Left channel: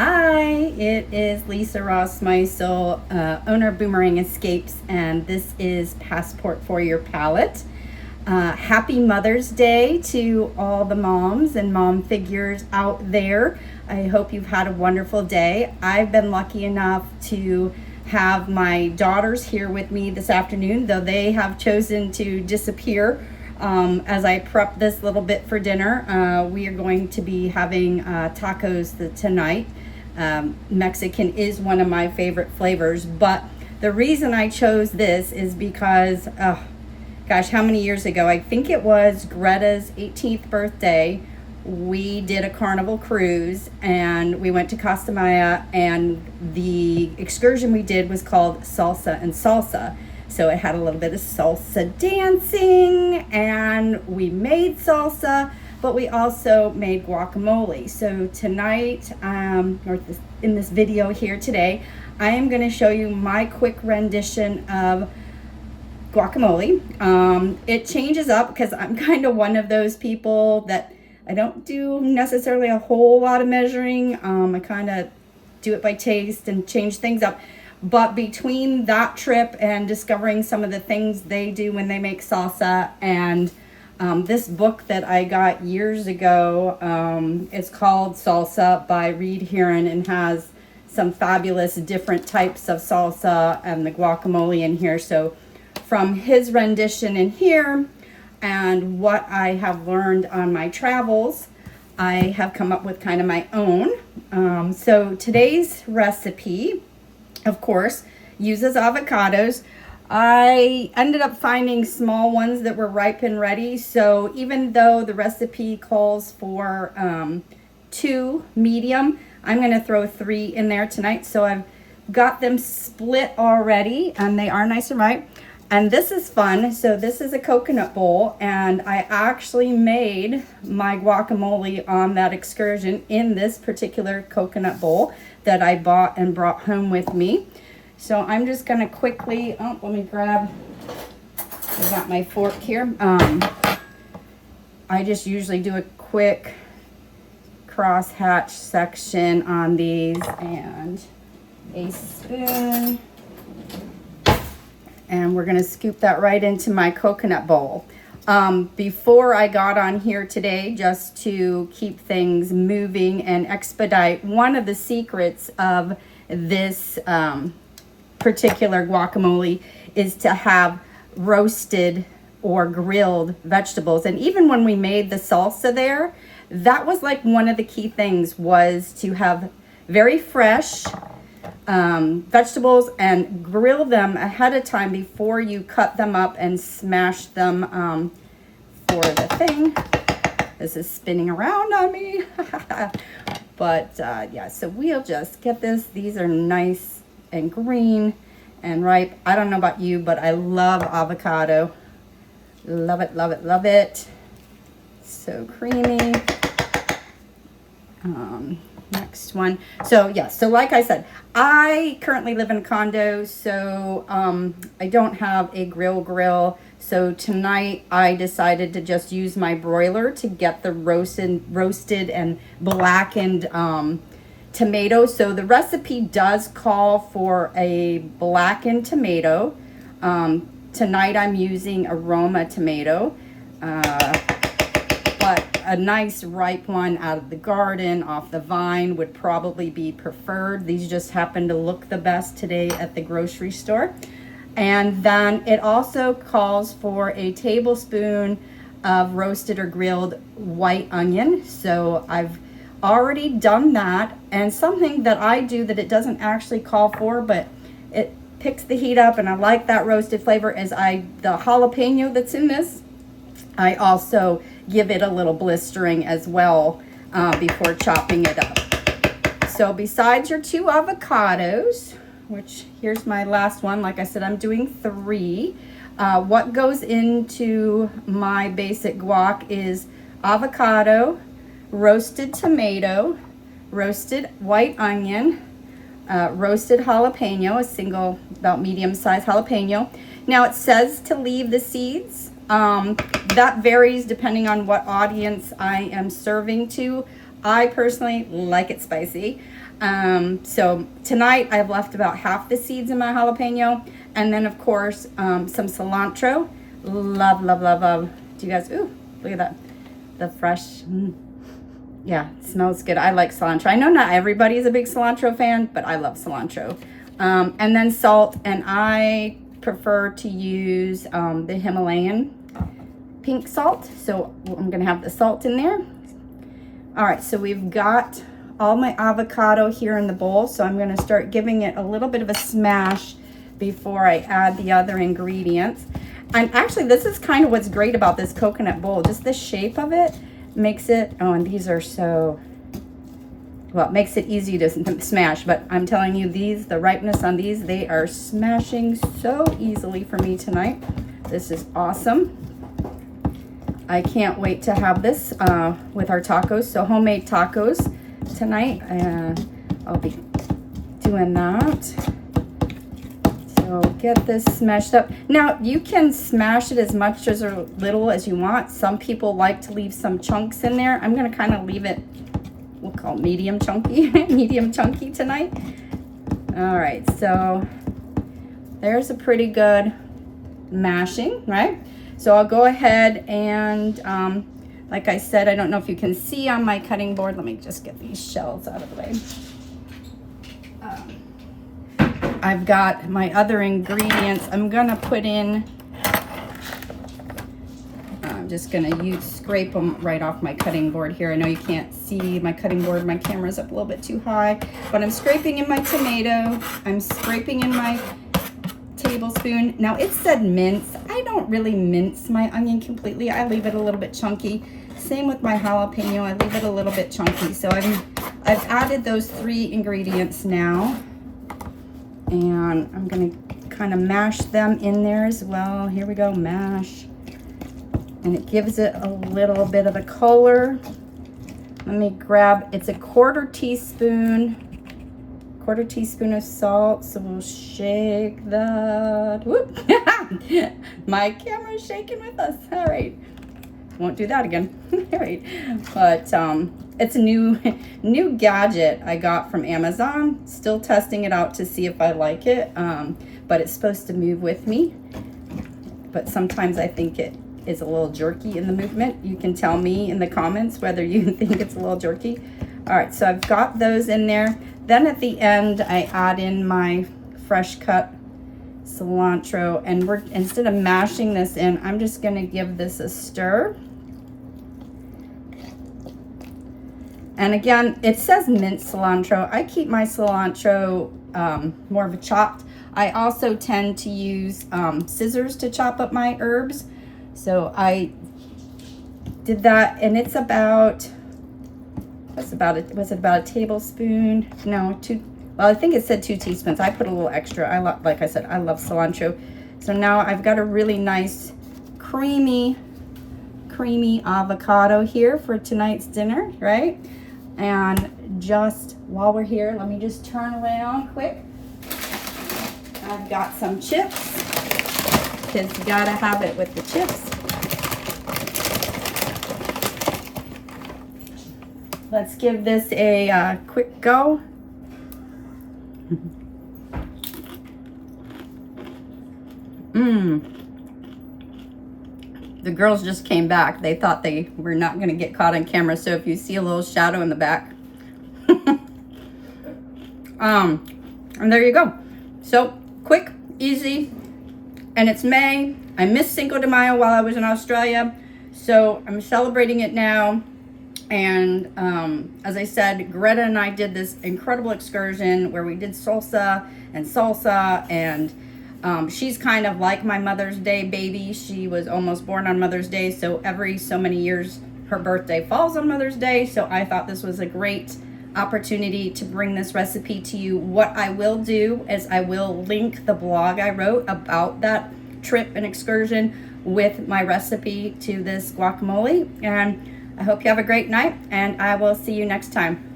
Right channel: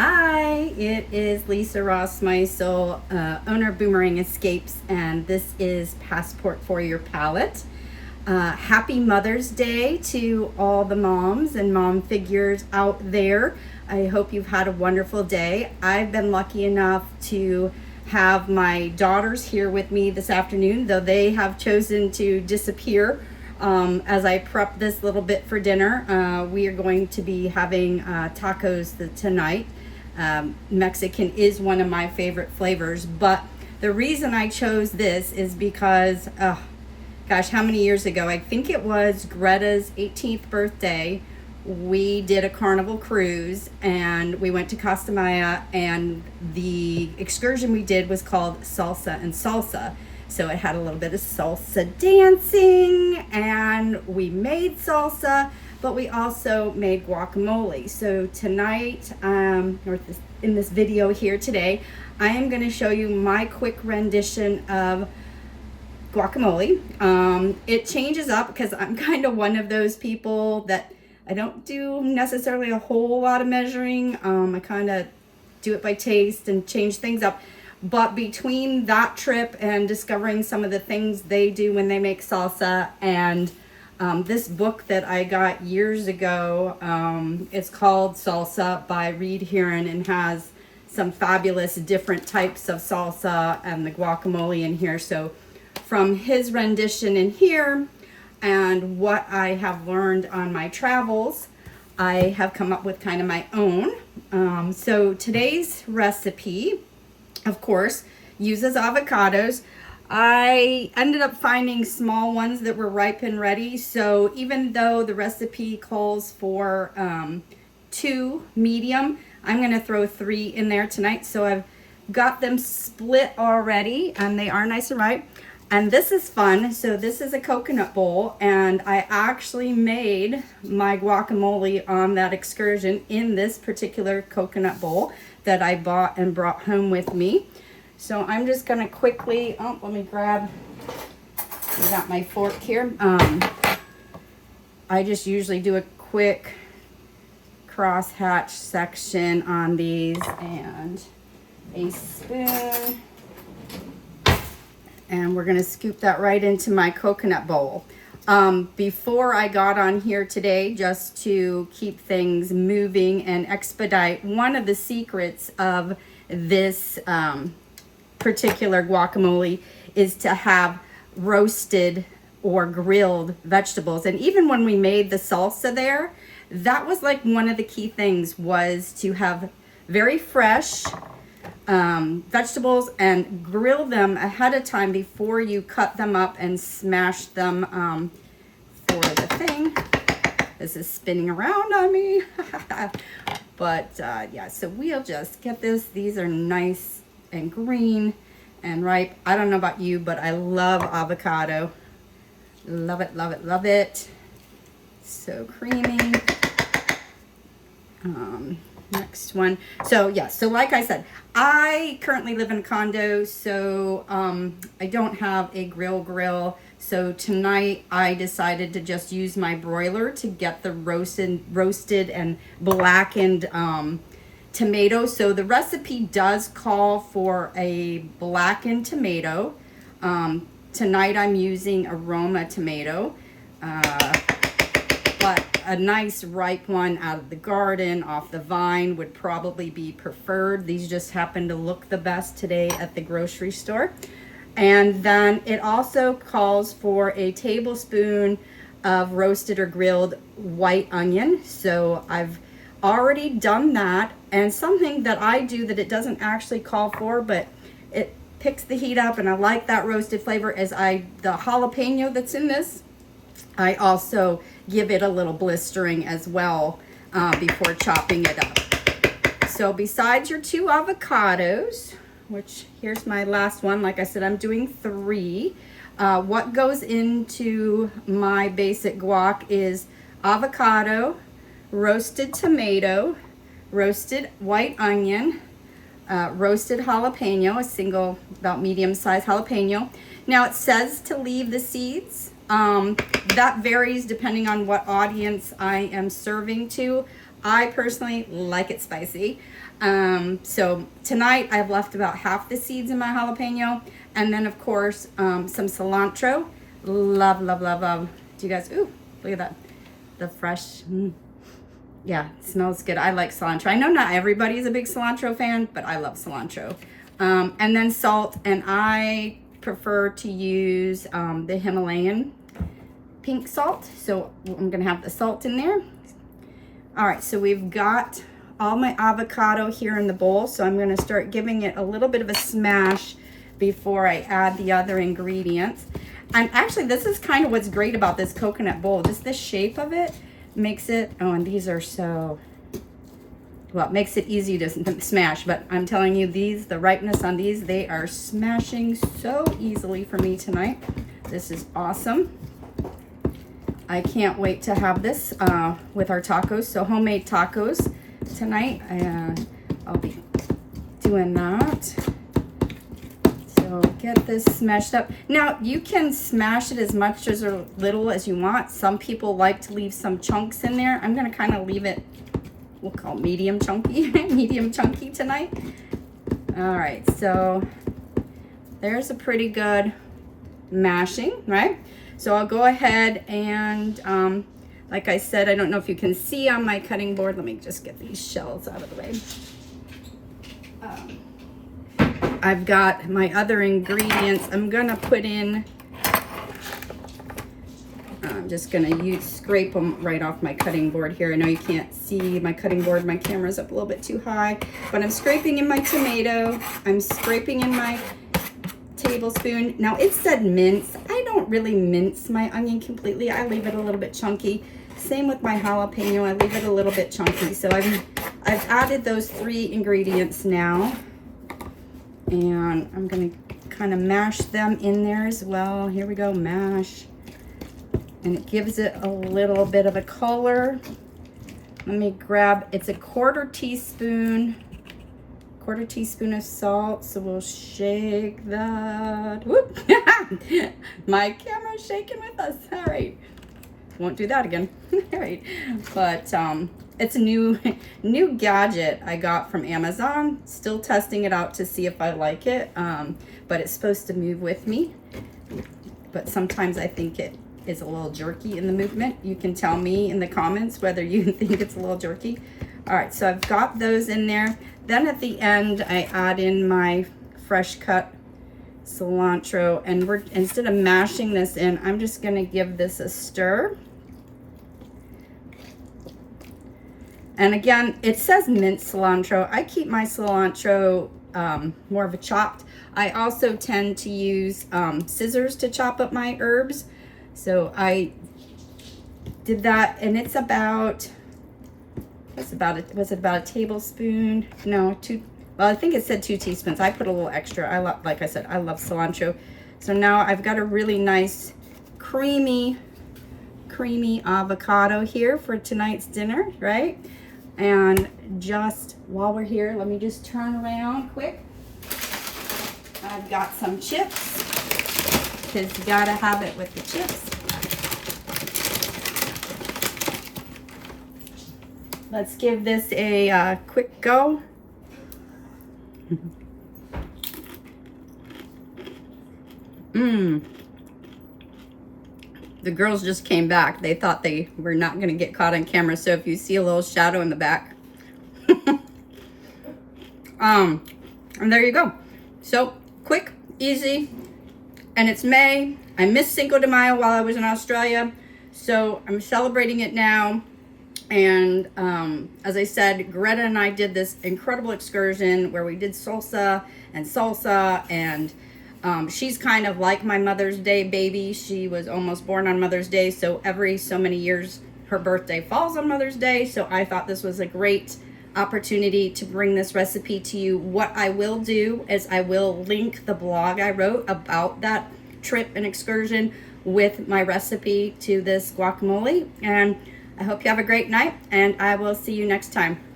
Hi, it is Lisa Ross Meisel, owner of Boomerang Escapes, and this is Passport for Your Palate. Happy Mother's Day to all the moms and mom figures out there. I hope you've had a wonderful day. I've been lucky enough to have my daughters here with me this afternoon, though they have chosen to disappear. As I prep this little bit for dinner, we are going to be having tacos tonight. Mexican is one of my favorite flavors, but the reason I chose this is because, gosh, how many years ago? I think it was Greta's 18th birthday. We did a carnival cruise and we went to Costa Maya, and the excursion we did was called Salsa and Salsa. So it had a little bit of salsa dancing, and we made salsa, but we also made guacamole. So tonight, in this video here today, I am going to show you my quick rendition of guacamole. It changes up because I'm kind of one of those people that I don't do necessarily a whole lot of measuring. I kind of do it by taste and change things up. But between that trip and discovering some of the things they do when they make salsa and this book that I got years ago, it's called Salsa by Reed Heron and has some fabulous different types of salsa and the guacamole in here. So from his rendition in here and what I have learned on my travels, I have come up with kind of my own. So today's recipe, of course, uses avocados. I ended up finding small ones that were ripe and ready. So even though the recipe calls for 2 medium, I'm going to throw 3 in there tonight. So I've got them split already and they are nice and ripe. And this is fun. So this is a coconut bowl, and I actually made my guacamole on that excursion in this particular coconut bowl that I bought and brought home with me. So I'm just gonna quickly, let me grab, I got my fork here. I just usually do a quick cross hatch section on these and a spoon. And we're gonna scoop that right into my coconut bowl. Before I got on here today, just to keep things moving and expedite, one of the secrets of this particular guacamole is to have roasted or grilled vegetables. And even when we made the salsa there, that was like one of the key things, was to have very fresh vegetables and grill them ahead of time before you cut them up and smash them for the thing. This is spinning around on me. But yeah, so we'll just get this. These are nice and green and ripe. I don't know about you, but I love avocado. Love it, love it, love it. So creamy. Next one. So yeah, so like I said, I currently live in a condo, so I don't have a grill. So tonight I decided to just use my broiler to get the roasted and blackened tomato. So the recipe does call for a blackened tomato. Tonight I'm using aroma tomato. But a nice ripe one out of the garden, off the vine, would probably be preferred. These just happen to look the best today at the grocery store. And then it also calls for a tablespoon of roasted or grilled white onion. So I've already done that. And something that I do that it doesn't actually call for, but it picks the heat up and I like that roasted flavor, is the jalapeno that's in this, I also give it a little blistering as well before chopping it up. So besides your 2 avocados, which here's my last one, like I said, I'm doing 3. What goes into my basic guac is avocado, roasted tomato, roasted white onion, roasted jalapeno, a single about medium-sized jalapeno. Now it says to leave the seeds. That varies depending on what audience I am serving to. I personally like it spicy. So tonight I've left about half the seeds in my jalapeno, and then of course some cilantro. Love, love, love, love. Do you guys, ooh, look at that. The fresh, yeah, it smells good. I like cilantro. I know not everybody is a big cilantro fan, but I love cilantro. And then salt, and I prefer to use the Himalayan pink salt. So I'm gonna have the salt in there. All right, so we've got all my avocado here in the bowl. So I'm gonna start giving it a little bit of a smash before I add the other ingredients. And actually, this is kind of what's great about this coconut bowl. Just the shape of it makes it, oh, and these are so, well, it makes it easy to smash, but I'm telling you, these, the ripeness on these, they are smashing so easily for me tonight. This is awesome. I can't wait to have this with our tacos. So homemade tacos tonight. I'll be doing that. So get this smashed up. Now you can smash it as much as or little as you want. Some people like to leave some chunks in there. I'm gonna kind of leave it, we'll call it medium chunky, medium chunky tonight. All right, so there's a pretty good mashing, right? So I'll go ahead and, like I said, I don't know if you can see on my cutting board. Let me just get these shells out of the way. I've got my other ingredients. I'm gonna put in, I'm just gonna scrape them right off my cutting board here. I know you can't see my cutting board. My camera's up a little bit too high, but I'm scraping in my tomato. I'm scraping in my tablespoon. Now it said mince. I don't really mince my onion completely. I leave it a little bit chunky. Same with my jalapeno. I leave it a little bit chunky. So I've added those 3 ingredients now. And I'm gonna kind of mash them in there as well. Here we go, mash. And it gives it a little bit of a color. Let me grab, it's a quarter teaspoon of salt. So we'll shake that. Whoop. My camera's shaking with us. All right. Won't do that again. All right. But it's a new gadget I got from Amazon. Still testing it out to see if I like it. But it's supposed to move with me. But sometimes I think it is a little jerky in the movement. You can tell me in the comments whether you think it's a little jerky. All right, so I've got those in there. Then at the end, I add in my fresh cut cilantro, and instead of mashing this in, I'm just gonna give this a stir. And again, it says minced cilantro. I keep my cilantro more of a chopped. I also tend to use scissors to chop up my herbs. So I did that, and it's about, was it about a tablespoon? No, well, I think it said 2 teaspoons. I put a little extra. Like I said, I love cilantro. So now I've got a really nice creamy avocado here for tonight's dinner, right? And just while we're here, let me just turn around quick. I've got some chips, because you gotta have it with the chips. Let's give this a quick go. The girls just came back. They thought they were not going to get caught on camera. So if you see a little shadow in the back. And there you go. So quick, easy. And it's May. I missed Cinco de Mayo while I was in Australia. So I'm celebrating it now. And as I said, Greta and I did this incredible excursion where we did salsa, and she's kind of like my Mother's Day baby. She was almost born on Mother's Day, so every so many years her birthday falls on Mother's Day. So I thought this was a great opportunity to bring this recipe to you. What I will do is I will link the blog I wrote about that trip and excursion with my recipe to this guacamole. And I hope you have a great night, and I will see you next time.